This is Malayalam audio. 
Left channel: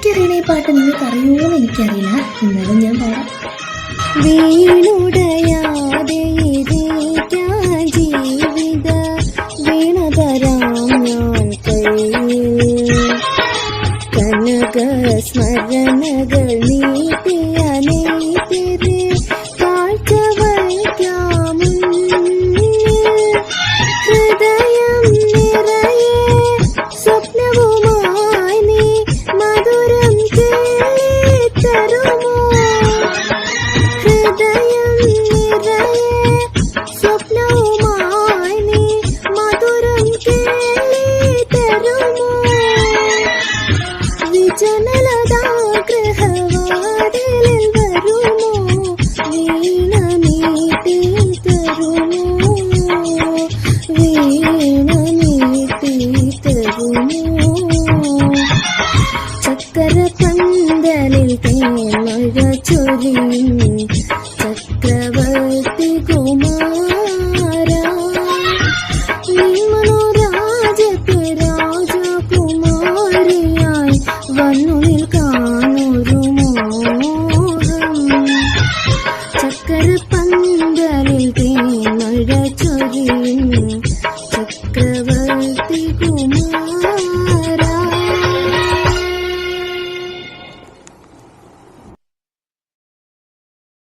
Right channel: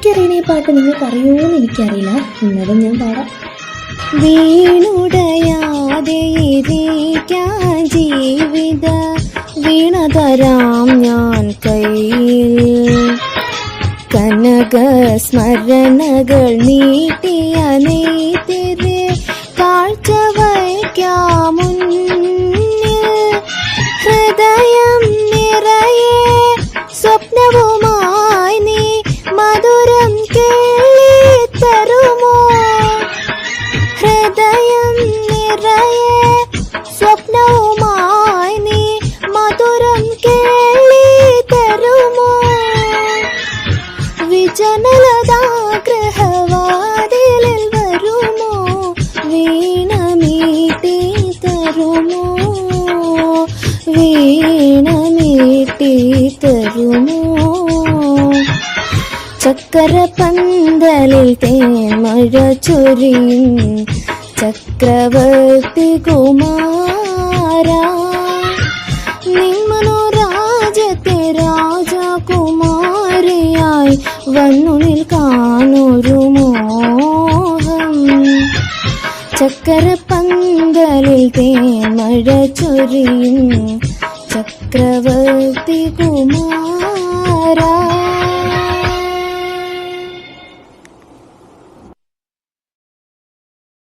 എനിക്കറിയണ ഈ പാട്ട് നിങ്ങൾക്ക് അറിയുമോന്ന് എനിക്കറിയില്ല, എന്നാലും ഞാൻ പാടാം. വീണുടയാതെ ജീവിത വീണതരാം ഞാൻ കയ്യിൽ കനക സ്മരണകൾ നീട്ടിയ നെയ്തിരെ കാഴ്ച വയ്ക്കാമുന്നിൽ ഹൃദയം നിറയെ സ്വപ്നവുമായി നീ മധുരം കേളിത്തരുമോ ഹൃദയം നിറയെ സ്വപ്നവുമായി നീ മധുരം കേളിത്തരുമോ വിജനലതാഗ്രഹവാതിലിൽ വരുമോ വീണ നീട്ടി തരുമോ വീണ നീട്ടി തരുമോ ചക്കരപന്തലിൽ തേമഴ ചൊരിയും ചക്രവർത്തി കുമാരാ നിന്നു രാജ്യത്തെ രാജകുമാരിയായി വന്നുള്ളിൽ കാണൊരു മോഹം ചക്കരപന്തലിൽ തേമഴ ചൊരിയും ചക്രവർത്തി കുമാരാ